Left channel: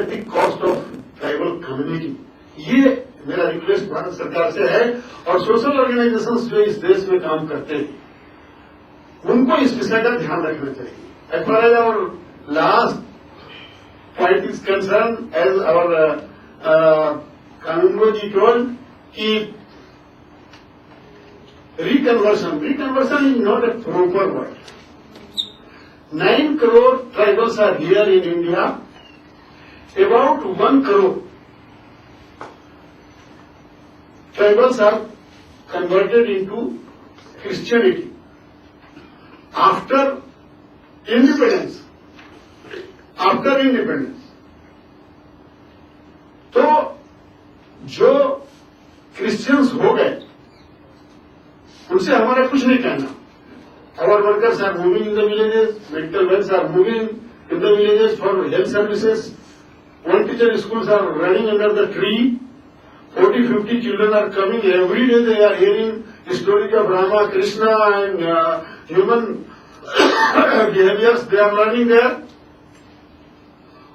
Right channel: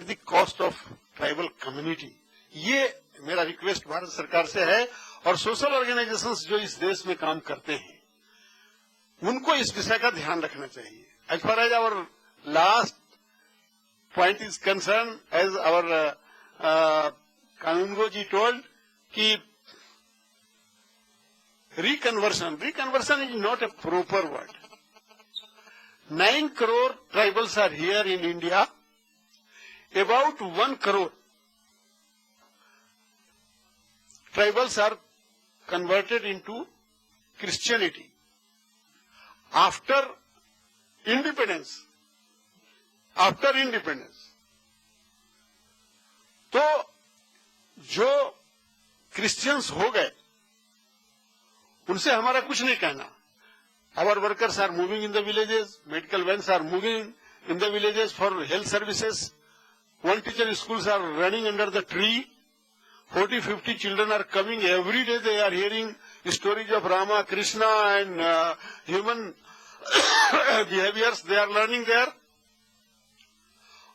At the cost of tribal community. ये मेरा request Bharat सरकार से है। और सोशल ऑर्गेनाइजेशंस जो इस देश में काम करते हैं उनको इस विषय का ध्यान रखना चाहिए। As far as our last point is concerned, as our Kanungo ji told, कि reconversion is not a proper word. 9 crore tribals are here in India. About 1 crore tribals are converted into Christianity after independence. तो जो Christians हो गए उनसे हमारा कुछ नहीं कहना। Our workers are moving in the villages, medical wells are moving in the villages for health services, one teacher schools are running under the tree, 40-50 children are coming every day. They are hearing stories of Rama, Krishna and human behaviors. They are learning there.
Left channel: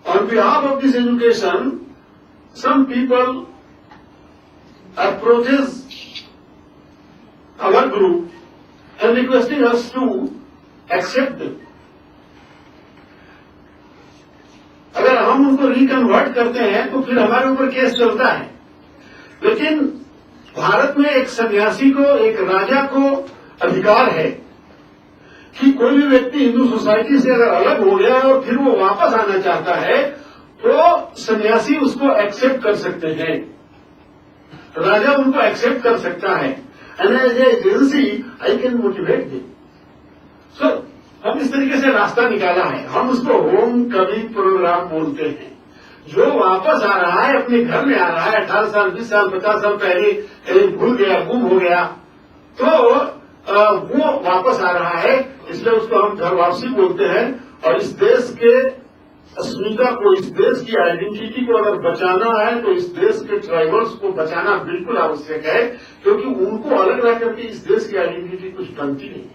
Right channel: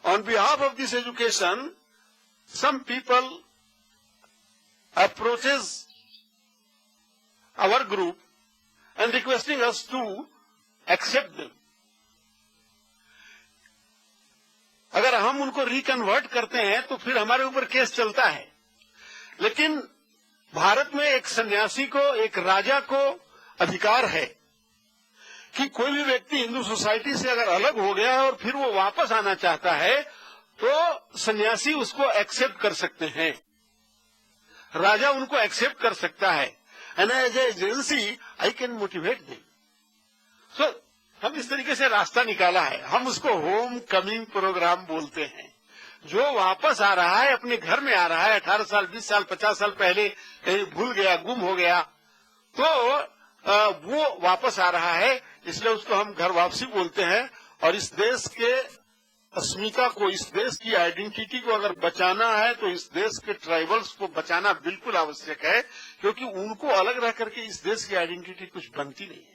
On behalf of this education, some people approaches our group and requesting us to accept them. अगर हम उनको reconvert करते हैं तो फिर हमारे ऊपर case चलता है। लेकिन भारत में एक सन्यासी को, एक राजा को अधिकार है कि कोई भी व्यक्ति हिंदू सोसाइटी से अगर अलग हो गया और फिर वो वापस आना चाहता है तो सन्यासी उसको एक्सेप्ट कर सकते हैं, राजा उनको एक्सेप्ट कर सकता है। And as agency I can motivate them. So हम इस तरीके से रास्ता निकाला है। हम उसको होम कमिंग प्रोग्राम बोलते हैं। जो वापस आ रहा है, अपने घर में आ रहा है, 18 साल 20 साल 50 साल पहले कहीं भूल गया, गुम हो गया, तो वो वापस आ रहा है, इसलिए उसको हम घर वापसी बोलते हैं। और इस देश के अस्मिता को, इस देश की आइडेंटिटी को अगर बचाना है तो इस देश के ट्राइबल्स को बचाना बिल्कुल आवश्यक है, क्योंकि उनको अलग रख करके इस देश की आइडेंटिटी कुछ बनती नहीं है।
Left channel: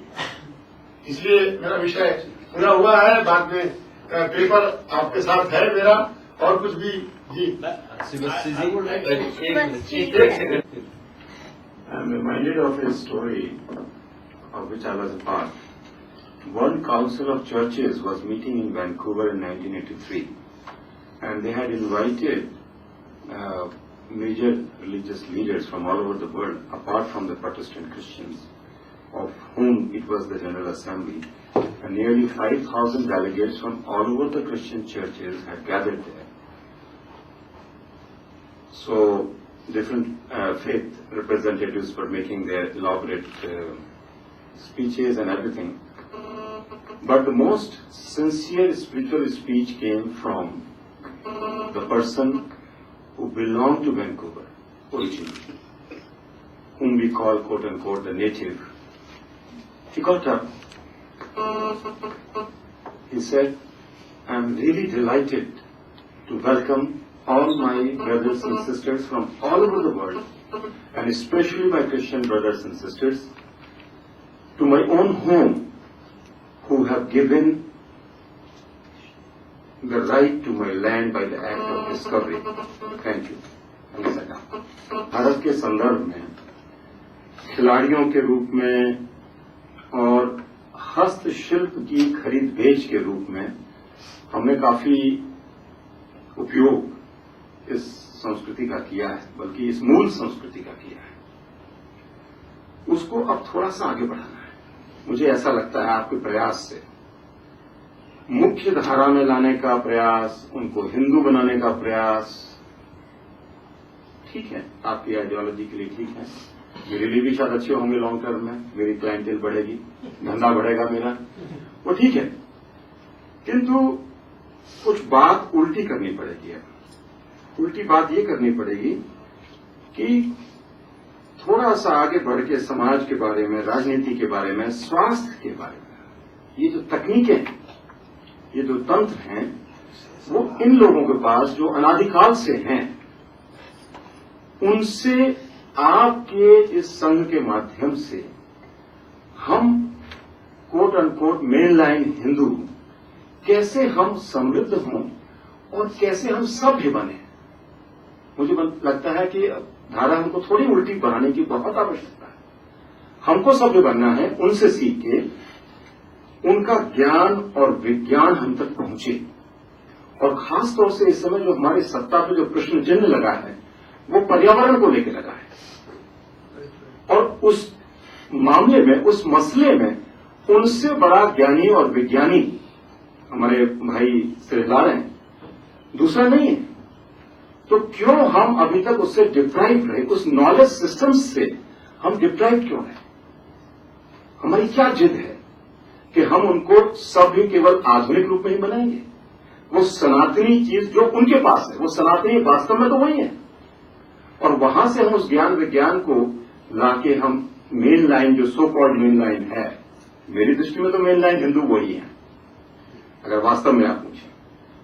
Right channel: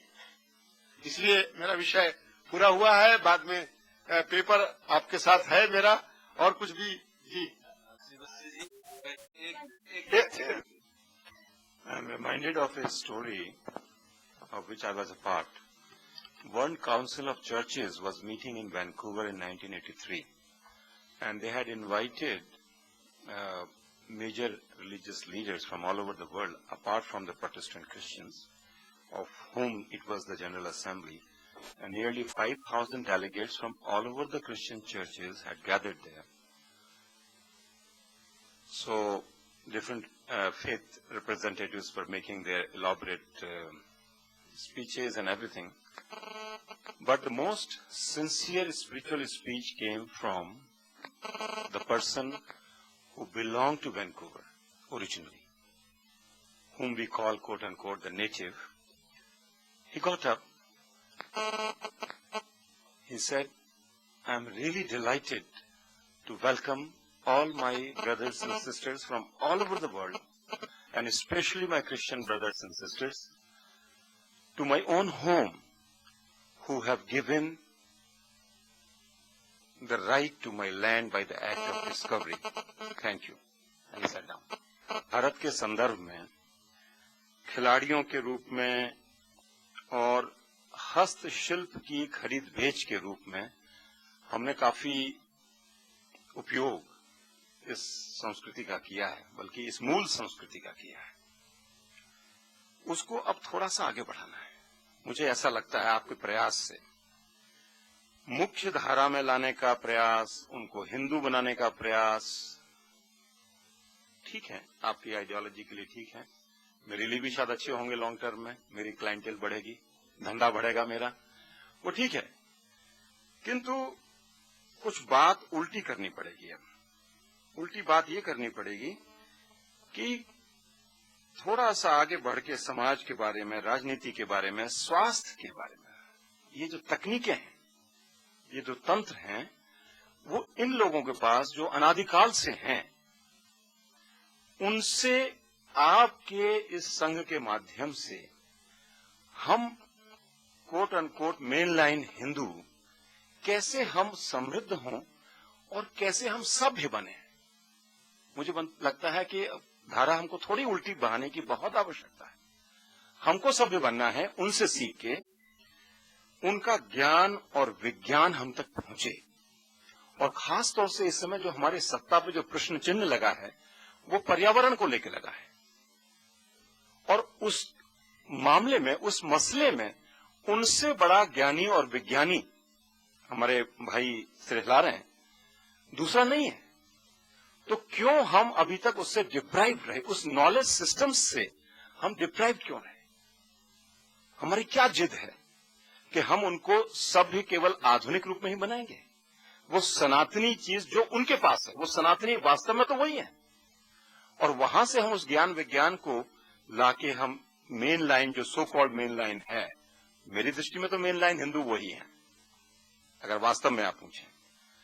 इसलिए मेरा विषय पूरा हुआ है। बाद में पेपर आपके साथ है मेरा, और कुछ भी जी। I am reminded of a story of which I was a part. World Council of Churches was meeting in Vancouver in 1983, and they had invited major religious leaders from all over the world, apart from the Protestant Christians, of whom it was the General Assembly, and nearly 5,000 delegates from all over the Christian churches had gathered there. So different faith representatives were making their elaborate speeches and everything. But the most sincere spiritual speech came from the person who belonged to Vancouver originally, whom we call quote unquote the native. He got up. He said, "I am really delighted to welcome all my brothers and sisters from all over the world, and especially my Christian brothers and sisters, to my own home, who have given the right to my land by the act of discovery. Thank you." And sat down. Bharat के संदर्भ में खिलाड़ियों के रूप में और हस्तशिल्प की खरीद बेच के रूप में हमने काफी उपयोग इस संस्कृति का किया है, बल्कि इस मूल संस्कृति का किया है। उसको अब थोड़ा सा आगे बढ़ाना है। मुझे ऐसा लगता है आपके प्रयास से, मुख्य धारा में लाने का प्रयास, उनको हिंदू बनाने का प्रयास, ठीक है, आपकी आइडियोलॉजी के लिए ठीक है, मेरे लिए भी शायद अच्छे होंगे लॉन्ग टर्म में, मेरी क्लाइंटेल बढ़ेगी, धंधा बढ़ेगा मेरा, वो ठीक है, किंतु कुछ बात उल्टी करनी पड़ेगी। अब उल्टी बात ये करनी पड़ेगी कि थोड़ा सा आगे बढ़ के समाज के बारे में, राजनीति के बारे में, स्वास्थ्य के बारे में, ये जो तकनीकें हैं, ये जो तंत्र हैं, वो इन लोगों के पास जो अनादिकाल से हैं, उनसे आपके इस संघ के माध्यम से हम quote unquote main line Hindu कैसे हम समृद्ध हों और कैसे हम सभ्य बने। मुझे लगता है कि धारा हमको थोड़ी उल्टी बनाने की बहुत आवश्यकता है। हमको सभ्य बनना है, उनसे सीख के उनका ज्ञान और विज्ञान हम तक पहुंचे। और खास तौर से इस समय जो हमारे सत्ता पे जो प्रश्न चिन्ह लगा है वो पर्यावरण को लेकर लगा है, और उस मामले में, उस मसले में उनसे बड़ा ज्ञानी और विज्ञानी हमारे भाई श्रीलाल हैं, दूसरा नहीं है। तो क्यों हम अभी तक उससे डिप्राइव रहे, उस नॉलेज सिस्टम से हम डिप्राइव क्यों रहे? हमारी क्या जिद है कि हम उनको सभ्य केवल आधुनिक रूप में ही बनाएंगे? वो सनातनी चीज जो उनके पास है, वो सनातनी वास्तव में तो वही है, और वहां से हम उस ज्ञान विज्ञान को लाके हम मेन लाइन, जो सो कॉल्ड मेन लाइन है, मेरी दृष्टि में तो मेन लाइन हिंदू वही है, अगर वास्तव में आप पूछें।